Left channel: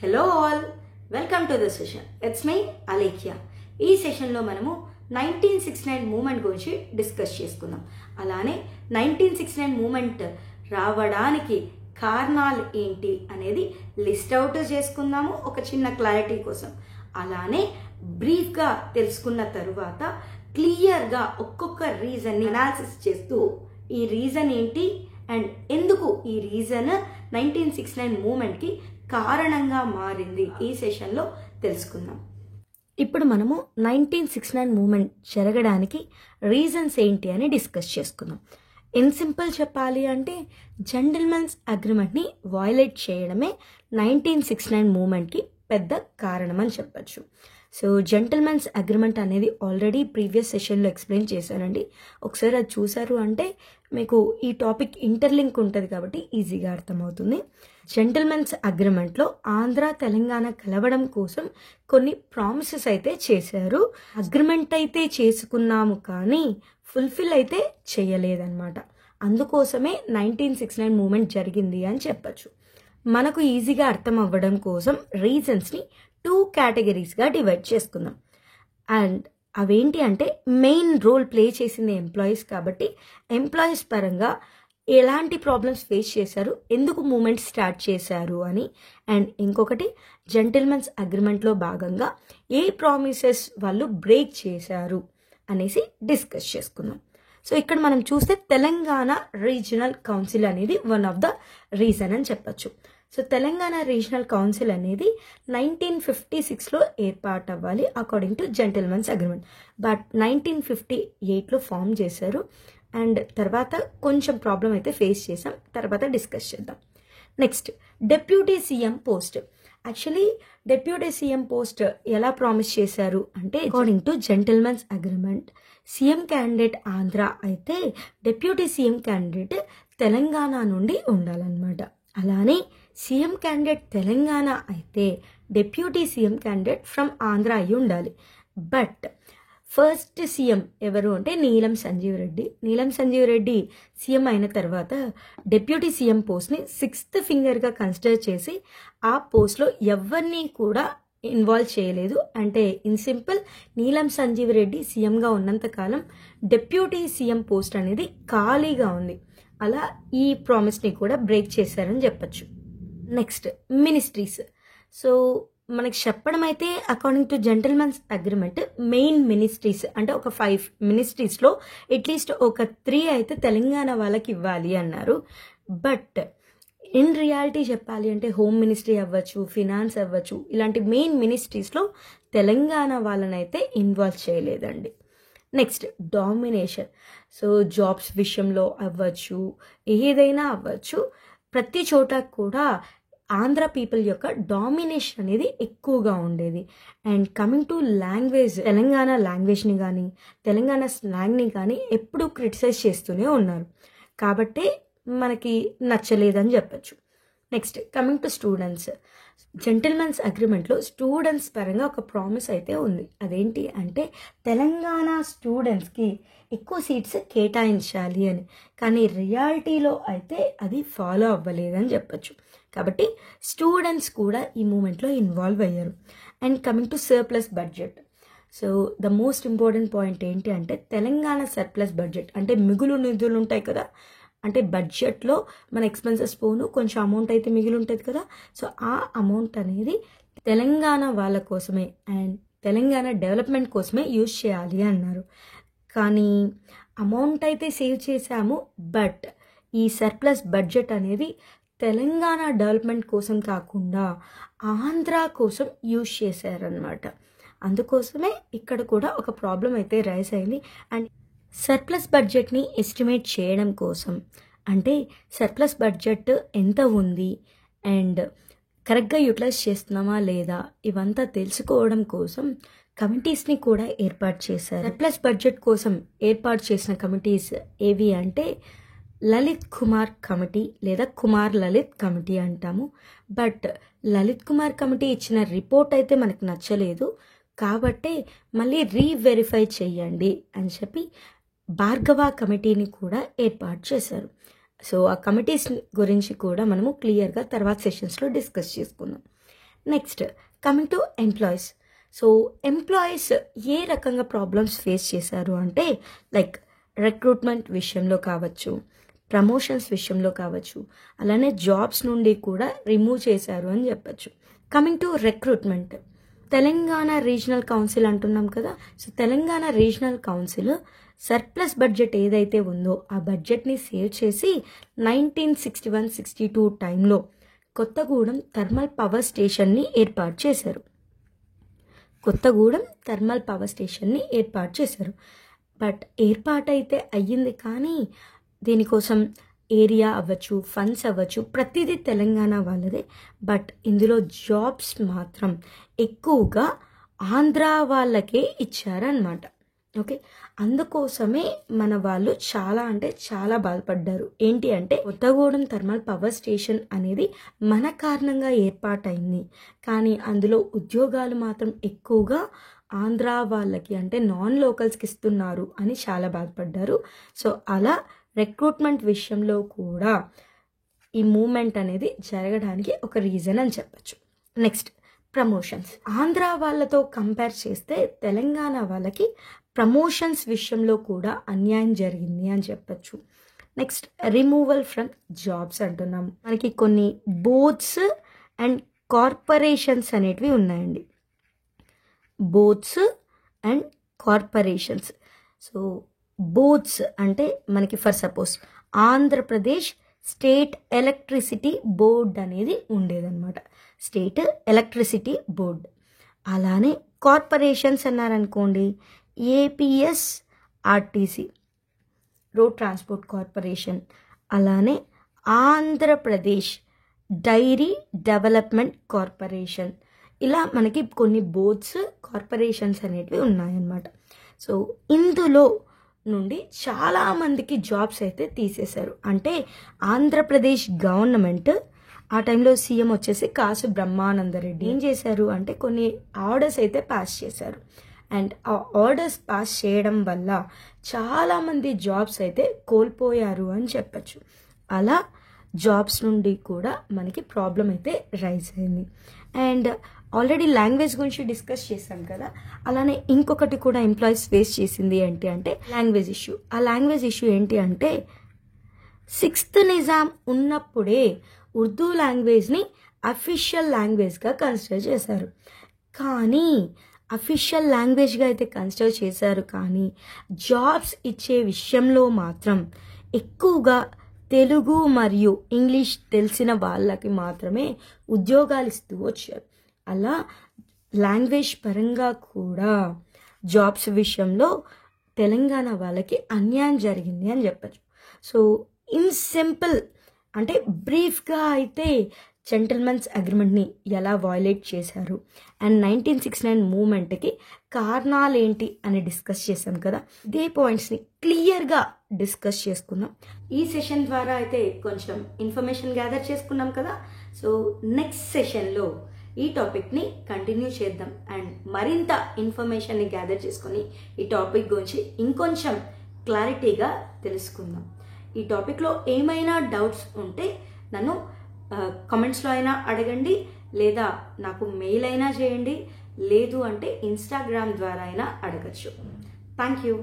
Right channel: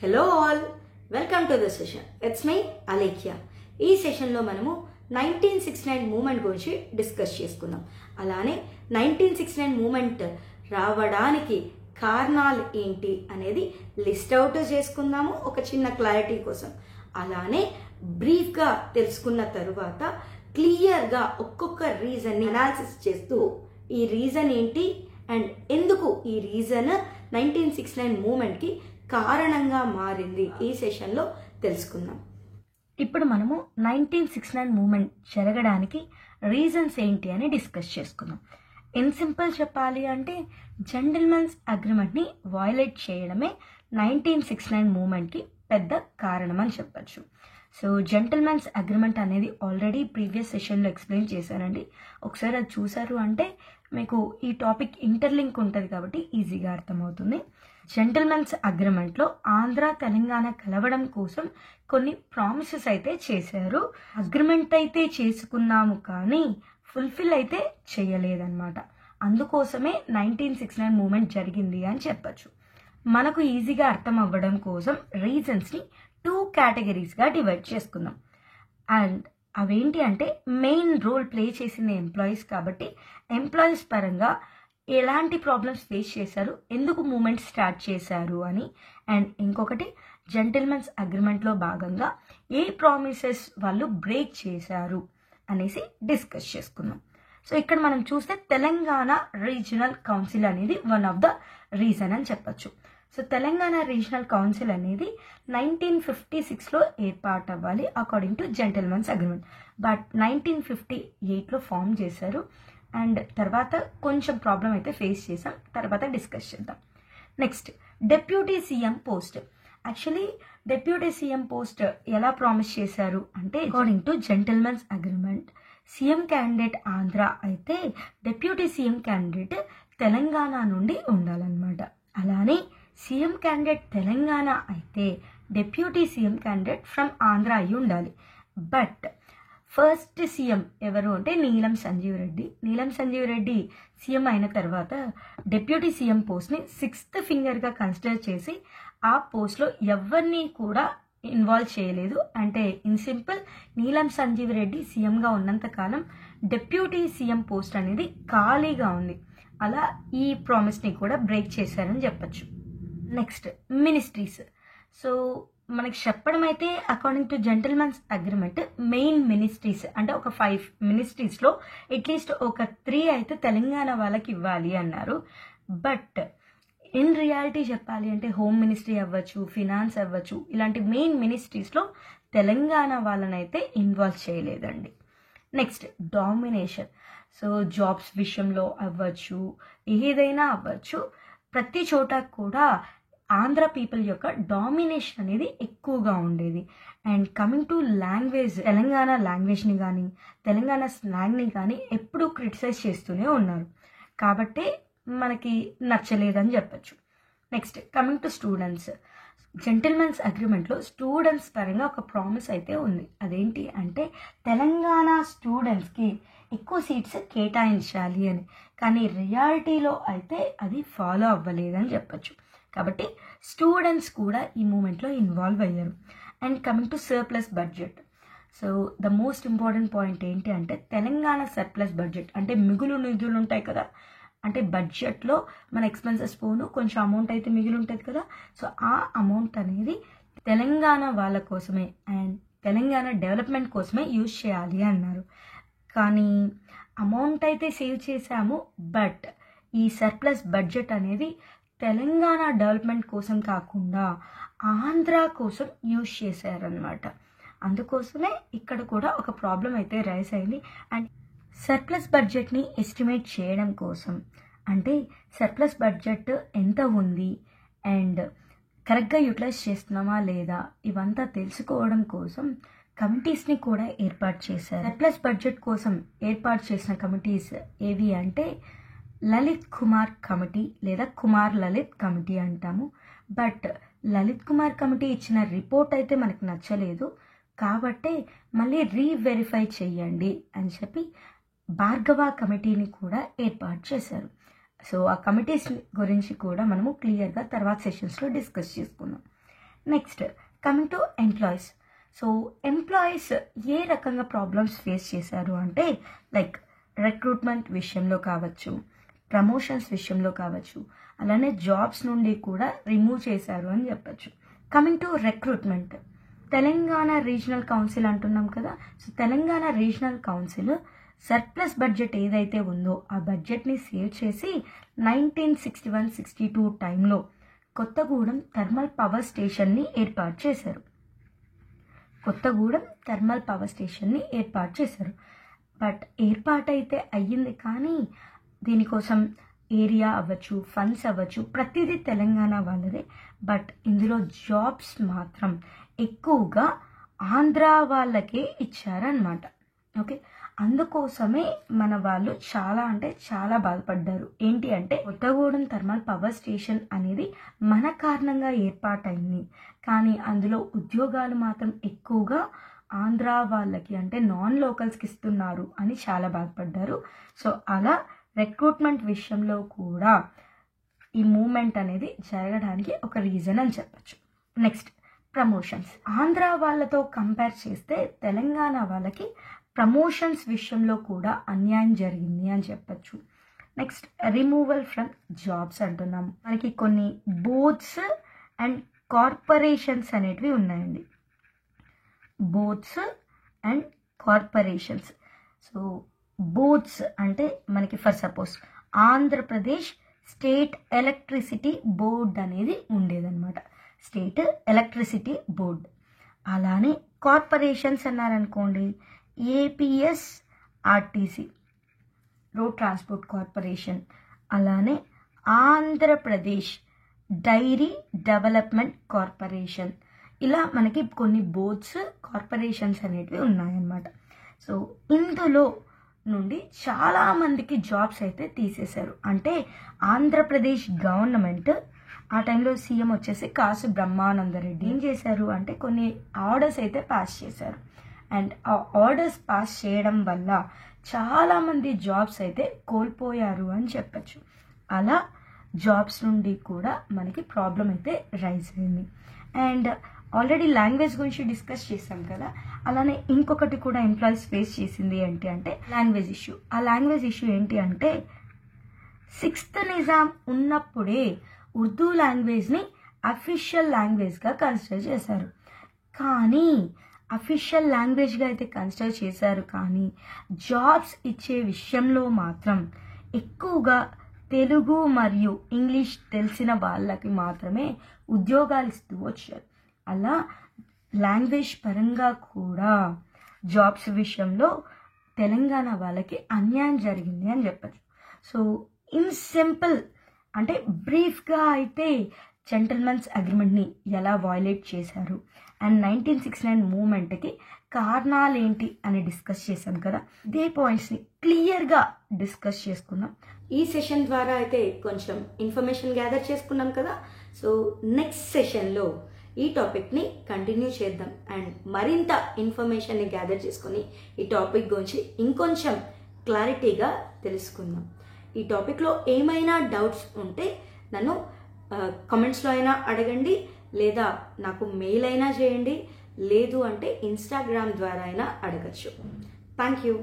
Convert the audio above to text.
Hello all, welcome to the session. It's my Alekhya. ఈ సెషన్లో మనము 1969 మూమెంట్ గురించి డిస్కస్ చేసుకుందాం. అలానే 1969 మూమెంట్ రావడానికి కారణాలు ఏంటి అనేది లిస్ట్ అవుట్ చేసుకుందాము ఒక చిన్న క్లారిటీ కోసం. అలానే బ్రీఫ్గా తెలుసుకున్న తరువాత క్లియర్గా ఒక్కొక్క రీజన్ని అనాలిసిస్ చేస్తూ ఈ రీజన్ ఏంటి అండ్ ఎందుకు ఈ రీజన్ 1969 మూమెంట్కి కారణంగా మారింది ఈ సెషన్లో తెలుసుకుందాం. ఇప్పుడు మనము 1969 మూమెంట్ జరగడానికి రీజన్స్ ఏంటి అని డిస్కస్ చేసుకుందాం. ఇన్ సింపుల్ చెప్పాలి అంటే జెంటిల్మెన్స్ అగ్రిమెంట్ని వయలేట్ చేయడమే 1969 మూమెంట్కి పెద్ద కారణం అని చెప్పచ్చు. సో జెంటిల్మెన్స్ అగ్రిమెంట్ అనేది ఆల్రెడీ ప్రీవియస్ సెషన్లో ఎక్స్ప్లెయిన్ చేశానండి. ఒకసారి అది చూసారు అంటే మీకు ఈ టాపిక్ ఇంటర్లింక్ ఉంటుంది కాబట్టి ఈజీగా అర్థమవుతుంది. జెంటిల్మెన్స్ అగ్రిమెంట్లో ఆంధ్ర తెలంగాణ కలవడం కోసం కొన్ని ప్రామిసెస్ అయితే చేశారు. అగ్రిమెంట్ అయితే చేసుకున్నాము కానీ ఫుల్ఫిల్ అయితే చేయలేదన్నమాట. అందుకోసమే 1969 మూమెంట్ జరిగింది అని చెప్పచ్చు. మనకు ఈజీగా అర్థం అవ్వడం కోసం రీజన్స్ని 2 కేటగిరీస్గా డివైడ్ చేసుకుందాం. అండ్ అవేంటి అంటే మెయిన్ రోల్ ప్లే చేసింది ఎంప్లాయీస్ కాబట్టి ఎంప్లాయీస్ పరంగా ఎలాంటి ప్రాబ్లమ్స్ ఫేస్ చేశారు, ఎందుకు మూమెంట్ స్టార్ట్ చేశారు అని. అండ్ ఇంకొకటి జెంటిల్మెన్స్ అగ్రిమెంట్లో భాగంగా ఏ ప్రామిసెస్ వాళ్ళు బ్రేక్ చేశారు అనేసి డిస్కస్ చేసుకుందాం. సో ఇక్కడ మనం చూస్తే తెలంగాణ రీజనల్ కౌన్సిల్ అనేది వన్ ఆఫ్ ద రీజన్ అని చెప్పచ్చు. సో తెలంగాణ రీజనల్ కౌన్సిల్ అనేది 1956లో ఏర్పాటు అవ్వాలి according to gentlemen's agreement. But 1958లో ఫామ్ చేశారు. అండ్ తర్వాత కొంచెం ప్రాబ్లం అయితే ఫేస్ చేసాం, తర్వాత డిస్కస్ చేద్దాం. Next deputy CM post. Actually deputy CM post ఎలా ప్రామిస్ చేశారు అంటే according to gentlemen's agreement CM candidate Andhra అయితే డెప్యూటీ సీఎం క్యాండిడేట్ తెలంగాణ నుండి ఉండాలన్నమాట. అలానే సీఎం క్యాండిడేట్ తెలంగాణ అయితే deputy CM candidate from Andhra అయి ఉండాలి. బట్ ఫస్ట్ సీఎం ఎవరు అంటే నీలం సంజీవ్ రెడ్డి. నీలం సంజీవ్ రెడ్డి సీఎం అయిన తర్వాత డెప్యూటీ సీఎం పోస్ట్ని 6th ఫింగర్గా కన్సిడర్ చేసి ఆ పోస్ట్లో ఎవరిని కూడా ఇన్వాల్వ్ చేయలేదు. అంటే ఇన్ సింపుల్ నీలం సంజీవ్ రెడ్డి సీఎంగా ఉన్నంతకాలం డెప్యూటీ సీఎం పోస్ట్ అనేది ఖాళీగా ఉంది. అలా ఈ ప్రామిస్ని కూడా బ్రేక్ చేశారని చెప్పచ్చు. Next ministries. సో మనకి చెప్పడం అయితే according to gentlemen's agreement main ministries అంటే ఒక 5 మినిస్ట్రీస్లో అట్లీస్ట్ ఒక 3 అయితే తెలంగాణ వాళ్ళకి ఇవ్వాలి అన్నారు. బట్ ఇన్ రియాలిటీ చెప్పాలి అంటే హోమ్ మినిస్ట్రీ అవ్వచ్చు, ఫినాన్స్ అవ్వచ్చు, ఇలాంటి మెయిన్ మినిస్ట్రీస్లో తెలంగాణ వాళ్ళనైతే ఇన్వాల్వ్ చేయలేదండి. Next domination. సో జాబ్స్ విషయంలో అవ్వచ్చు, ఏదైనా అవ్వచ్చు, ప్రతి చోట కూడా ఆంధ్ర పీపుల్ యొక్క డామినేషన్ అనేది ఎక్కువగా ఉండేది. And coming to language, Telangana లాంగ్వేజ్ని కానీ తెలంగాణ స్లాంగ్ని కానీ ఎప్పుడూ క్రిటిసైజ్ చేస్తూనే ఉన్నారు. కాబట్టి మనకి నచ్చలేదని చెప్పచ్చు. Next coming to students. Gentlemen's అగ్రిమెంట్లో స్టూడెంట్స్ పరంగా ఒక ప్రామిస్ అయితే ఉంది. అదేంటి అంటే తెలంగాణ స్టూడెంట్స్కి ఎక్కువ సీట్స్ కేటాయించాలి అని. కానీ రియాలిటీలో అయితే అది ఫాలో అవ్వలేదని చెప్పచ్చు. కాబట్టి స్టూడెంట్స్ కూడా ఈ మూమెంట్లో ఇన్వాల్వ్ అయ్యారు. And coming to surplus budget. So the most important point ఏంటి అంటే తెలంగాణ సర్ప్లస్ బడ్జెట్ అంటే మిగులు నిధులు ఉంటాయి కదా, అంటే బడ్జెట్లో మన ఎక్స్పెన్సెస్ పోను కొంచెం అమౌంట్ అయితే మిగిలి ఉంటుంది కదా. సో ఆ అమౌంట్ అనేది తెలంగాణ వాళ్ళ కోసమే అండ్ తెలంగాణ డెవలప్మెంట్ కోసమే యూజ్ చేయాలి అన్నారు. కానీ అమౌంట్ అయితే సేవ్ చేశాము, బట్ ఈ సర్ప్లస్ బడ్జెట్ అనేది తెలంగాణ డెవలప్మెంట్ కోసం కాకుండా ఆంధ్ర కోసం యూజ్ చేశారనమాట. అందుకోసమే ఇక్కడ కూడా ఒక ప్రాబ్లం అయితే రైజ్ అయింది. అండ్ సర్ప్లస్ బడ్జెట్ని ఎస్టిమేట్ చేయడం కోసం అంటే సర్ప్లస్ బడ్జెట్ ఎంత ఉంది అండ్ కరెక్ట్గా యూటిలైజ్ చేస్తున్నామా లేదా ఇవంతా తెలుసుకోవడం కోసం కమిటీస్ని కూడా ఏర్పాటు చేశారు. సర్ప్లస్ బడ్జెట్ కోసం ఏర్పాటు చేసిన కమిటీస్ ఏవి అంటే లలిత్ కుమార్ కమిటీ లేదా కుమార్ లలిత్ కమిటీ అంటాము. బట్ లలిత్ కుమార్ కమిటీ ఇచ్చిన రిపోర్ట్ అయితే మనకు నచ్చలేదు కాబట్టి మళ్ళీ రీవెరిఫై చేయండి అని చెప్పి భార్గవ కమిటీని కూడా ఏర్పాటు చేశారు. సో ఆ కమిటీస్ గురించి కూడా మనము క్లియర్గా తర్వాత సెషన్స్లో డిస్కస్ చేసుకుందాం. Next coming to employees. So employees ఏ రకంగా ప్రాబ్లమ్స్ ఫేస్ చేశారు అంటే లైక్ రిక్రూట్మెంట్ విషయంలో కావచ్చు, ప్రమోషన్స్ విషయంలో కావచ్చు, అలానే జాబ్స్ నుండి కూడా రిమూవ్ చేశారు అని చెప్పచ్చు. Coming to recruitment, Telangana regional council అంటున్నాం కదా. So Telangana regional council surplus budget ఏదైతే ఉందో ఆ బడ్జెట్ని సేవ్ చేసి 1961-62 టైంలో కొత్తగూడెం థర్మల్ పవర్ స్టేషన్ని ఏర్పాటు చేశారు. బట్ ఏర్పాటైతే అయ్యింది, కానీ దీనికోసం ఏరియా అవ్వచ్చు, ఫండ్స్ అవ్వచ్చు, ప్రతిదీ తెలంగాణ వాళ్ళదే. బట్ ఇందులో జాబ్స్ మాత్రం ఎక్కువగా ఆంధ్ర వాళ్ళకే ఇచ్చారనమాట. ఓకే, అందుకోసమే మన వాళ్ళు చాలా అంటే చాలా బాధపడ్డారు. ఏంటి అంటే కొత్తగూడెం థర్మల్ పవర్ స్టేషన్ అనేది మన కారణంగా ఏర్పాటైంది, కానీ అందులో ఉద్యోగాలు మాత్రం ఎక్కువగా ఆంధ్ర వాళ్ళకి అంటే నాన్ లోకల్స్కి ఇస్తున్నారు అని చాలా బాధపడ్డారు. సో అలా రిక్రూట్మెంట్ విషయంలో కూడా ఈ మూమెంట్ అనేది జరగడానికి ఒక రీజన్ అని చెప్పచ్చు. Next promotions. ఆంధ్ర వాళ్ళతో కంపేర్ చేస్తే తెలంగాణ వాళ్ళకి ప్రమోషన్స్ విషయంలో కూడా అన్యాయం జరిగింది అని చెప్పచ్చు. నెక్స్ట్ రిమూవల్ ఫ్రమ్ జాబ్స్ అంటున్నాము. మనకి కొన్ని బోర్డ్స్ అండ్ కార్పొరేషన్స్ అనేటివి ఉన్నాయండి. Boards and corporations. So boards అంటే మనకి for suppose Andhra Pradesh state electricity board అనేది ఉండేదన్నమాట, స్టేట్ ఎలక్ట్రిసిటీ బోర్డ్. అలానే కార్పొరేషన్స్ అన్నారనుకోండి, ఏపీఎస్ఆర్టీసీ రోడ్ ట్రాన్స్పోర్ట్ కార్పొరేషన్, అలానే ఆంధ్రప్రదేశ్ డైరీ డెవలప్మెంట్ కార్పొరేషన్. ఇలా మనకి కొన్ని బోర్డ్స్, కార్పొరేషన్స్ అనేటివి ఉన్నాయన్నమాట. సో ఇందులో నుండి చాలామందికి జాబ్స్ అయితే తీసేశారు. అంటే ఆంధ్రప్రదేశ్ గవర్నమెంట్ ఆ టైంలో సీఎం వచ్చేసి కాసు బ్రహ్మానందరెడ్డి ఏం చేశారు అంటే కొన్ని ఆర్డర్స్ అయితే పాస్ చేశారు. అండ్ ఆ ఆర్డర్స్ పాస్ చేయడం వల్ల చాలామంది జాబ్స్ అయితే కోల్పోయారు అని చెప్పచ్చు. అలా జాబ్స్ నుండి కూడా మనకి ప్రాబ్లం అయితే రైజ్ అయింది. అండ్ ఆల్రెడీ లాంగ్వేజ్ గురించి డిస్కస్ చేసాం కదా, అలానే ఇంకొకటి కూడా ఎంప్లాయీస్ ఫేస్ చేసింది ఏంటి అంటే లాంగ్వేజ్ ఇష్యూ. ఆ లాంగ్వేజ్ ఇష్యూ ఏంటి అంటే 6th నిజాం ఉన్నప్పుడే ఉర్దూ లాంగ్వేజ్ని అఫీషియల్ లాంగ్వేజ్గా కన్సిడర్ చేశారు. కానీ అఫీషియల్ లాంగ్వేజ్గా అయితే కన్సిడర్ చేశారు, కానీ జాబ్స్ ఇచ్చే విషయంలో మాత్రం ఎక్కువగా తెలుగు మరియు ఇంగ్లీష్ తెలిసిన వాళ్ళకి మాత్రమే ఉద్యోగాలు ఇస్తూ వచ్చారు. అలా లాంగ్వేజ్ పరంగా కూడా జాబ్స్ విషయంలో తెలంగాణ వాళ్ళకి అన్యాయం జరిగింది అని చెప్పచ్చు. సో ఇన్ సింపుల్ అంటే బ్రీఫ్గా అయితే జెంటల్మెన్స్ అగ్రిమెంట్ని ఎలా వయలేట్ చేశారు అండ్ 1969 మూమెంట్కి కారణాలు ఏంటి అని డిస్కస్ చేసాం కదా. ఇదే పాయింట్స్ని క్లియర్గా డిస్కస్ చేసుకున్నాం. ఈ సెషన్ ద్వారా అయితే కొంచెం ఇన్ఫర్మేషన్ గ్యాదర్ చేసుకున్నాం కదా. సో నెక్స్ట్ సెషన్లో ఈ టాపిక్ని కంటిన్యూ చేద్దాం అండ్ మరింత ఇన్ఫర్మేషన్ని గ్యాదర్ చేసుకొని ఈ టాపిక్ గురించి ఇంకొంచెం క్లారిటీగా తెలుసుకుందాం. ఈ టాపిక్లో ఏమైనా డౌట్స్ ఉంటే నన్ను కామెంట్స్లో అయినా అడగండి, లేదా నాకు మెయిల్ అయినా చేయండి, లేదు అంటే ఇన్స్టాగ్రామ్ ద్వారా అయినా అడగచ్చు. Thank you.